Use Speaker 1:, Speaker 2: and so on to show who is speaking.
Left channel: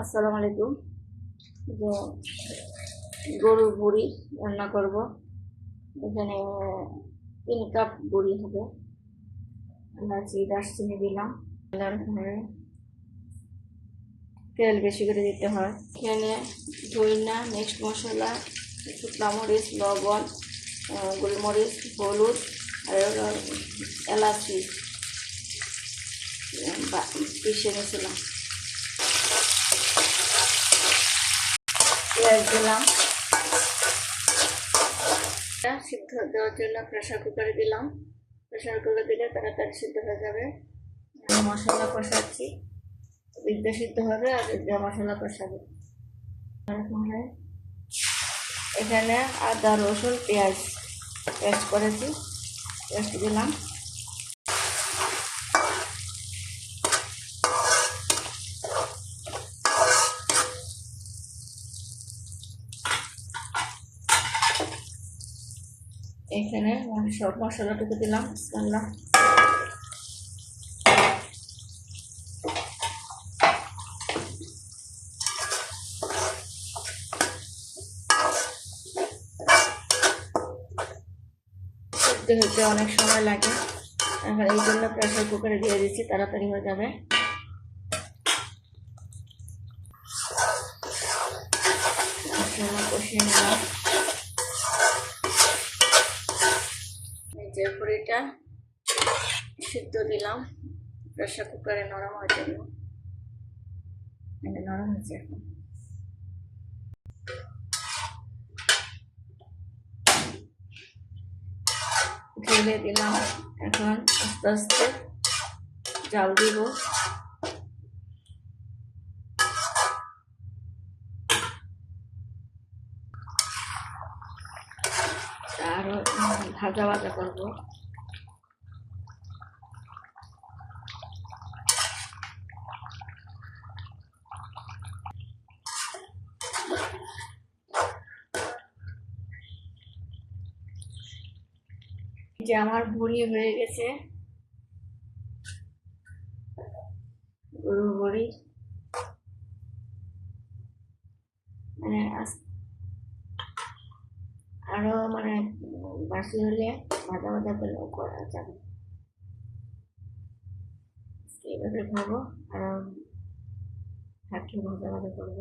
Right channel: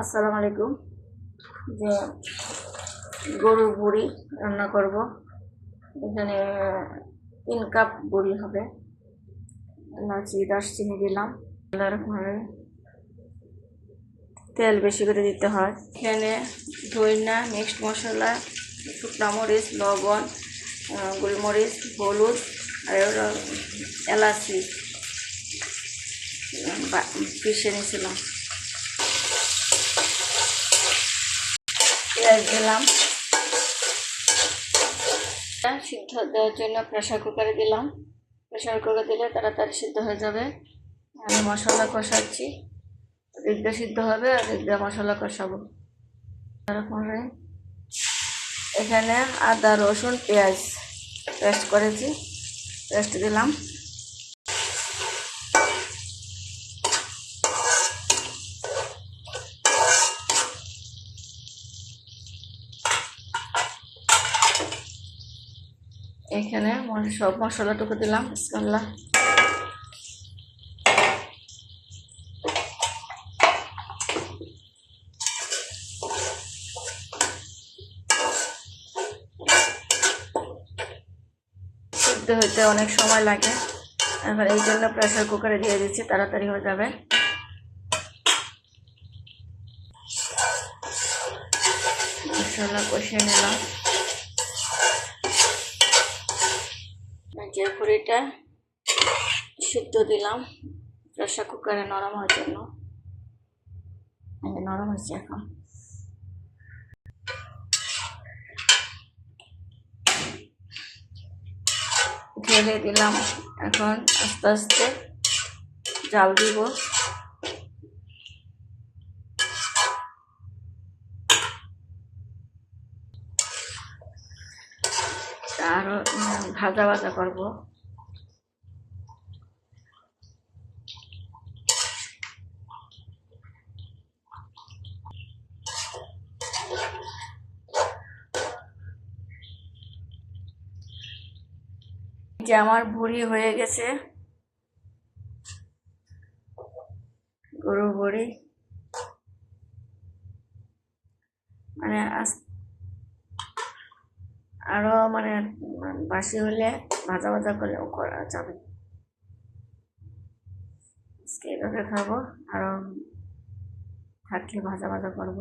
Speaker 1: আসসালামু আলাইকুম। যে গরুর বুড়ি রান্না করব। এখানে তিন কাপ বুড়ি হবে। এলাচি দারচিনি দিলাম। তারপরে তেল বেশি করে দিতে হয়। এখানে ধইনা, মিক্সড মশলা, শুকনা মরিচ, লবণ গোলমরিচ, হলুদ আর এলাচি। পিষে নিয়েছিলাম। পেঁয়াজ দিলাম। সিদ্ধ দেওয়ার জন্য প্রেশার কুকারে দিলাম। প্রেশার কুকারে দিলে তাড়াতাড়ি সিদ্ধ হয়ে যাবে। আমি মশলা কষাচ্ছি। দিয়ে সিদ্ধ হবে আর দিক মশলা কষাবো। তারপরে এখানে আদা, রসুন, পেঁয়াজ পেস্ট করেছি। পেস্ট দিলাম। এখানে সব মশলাটুকু দিলাম, বিসমিল্লাহ। সিদ্ধ হতে অনেক সময় লাগে। এখন এই জন্য প্রেশার কুকারে দিয়ে দিচ্ছি, তাড়াতাড়ি হয়ে যাবে। মশলা কষিয়ে নিলাম। যে পুরিটা সিদ্ধ দিলাম প্রেশার কুকারে নরম হওয়ার জন্য। নরম হয়েছে এখন। ঢেলে দিলাম। এখন আস্তে আস্তে জাল দিব। আরও ভাজা ভাজা করব। যে আমার ভুড়ি হয়ে গেছে। গরু ভুড়ি। মানে আস- আরও মানে বাসি হলে ভাজা ভাজা করলেও করা যাবে। এভাবে খাব, আরও থাকলে ভাজা ভাজা করব।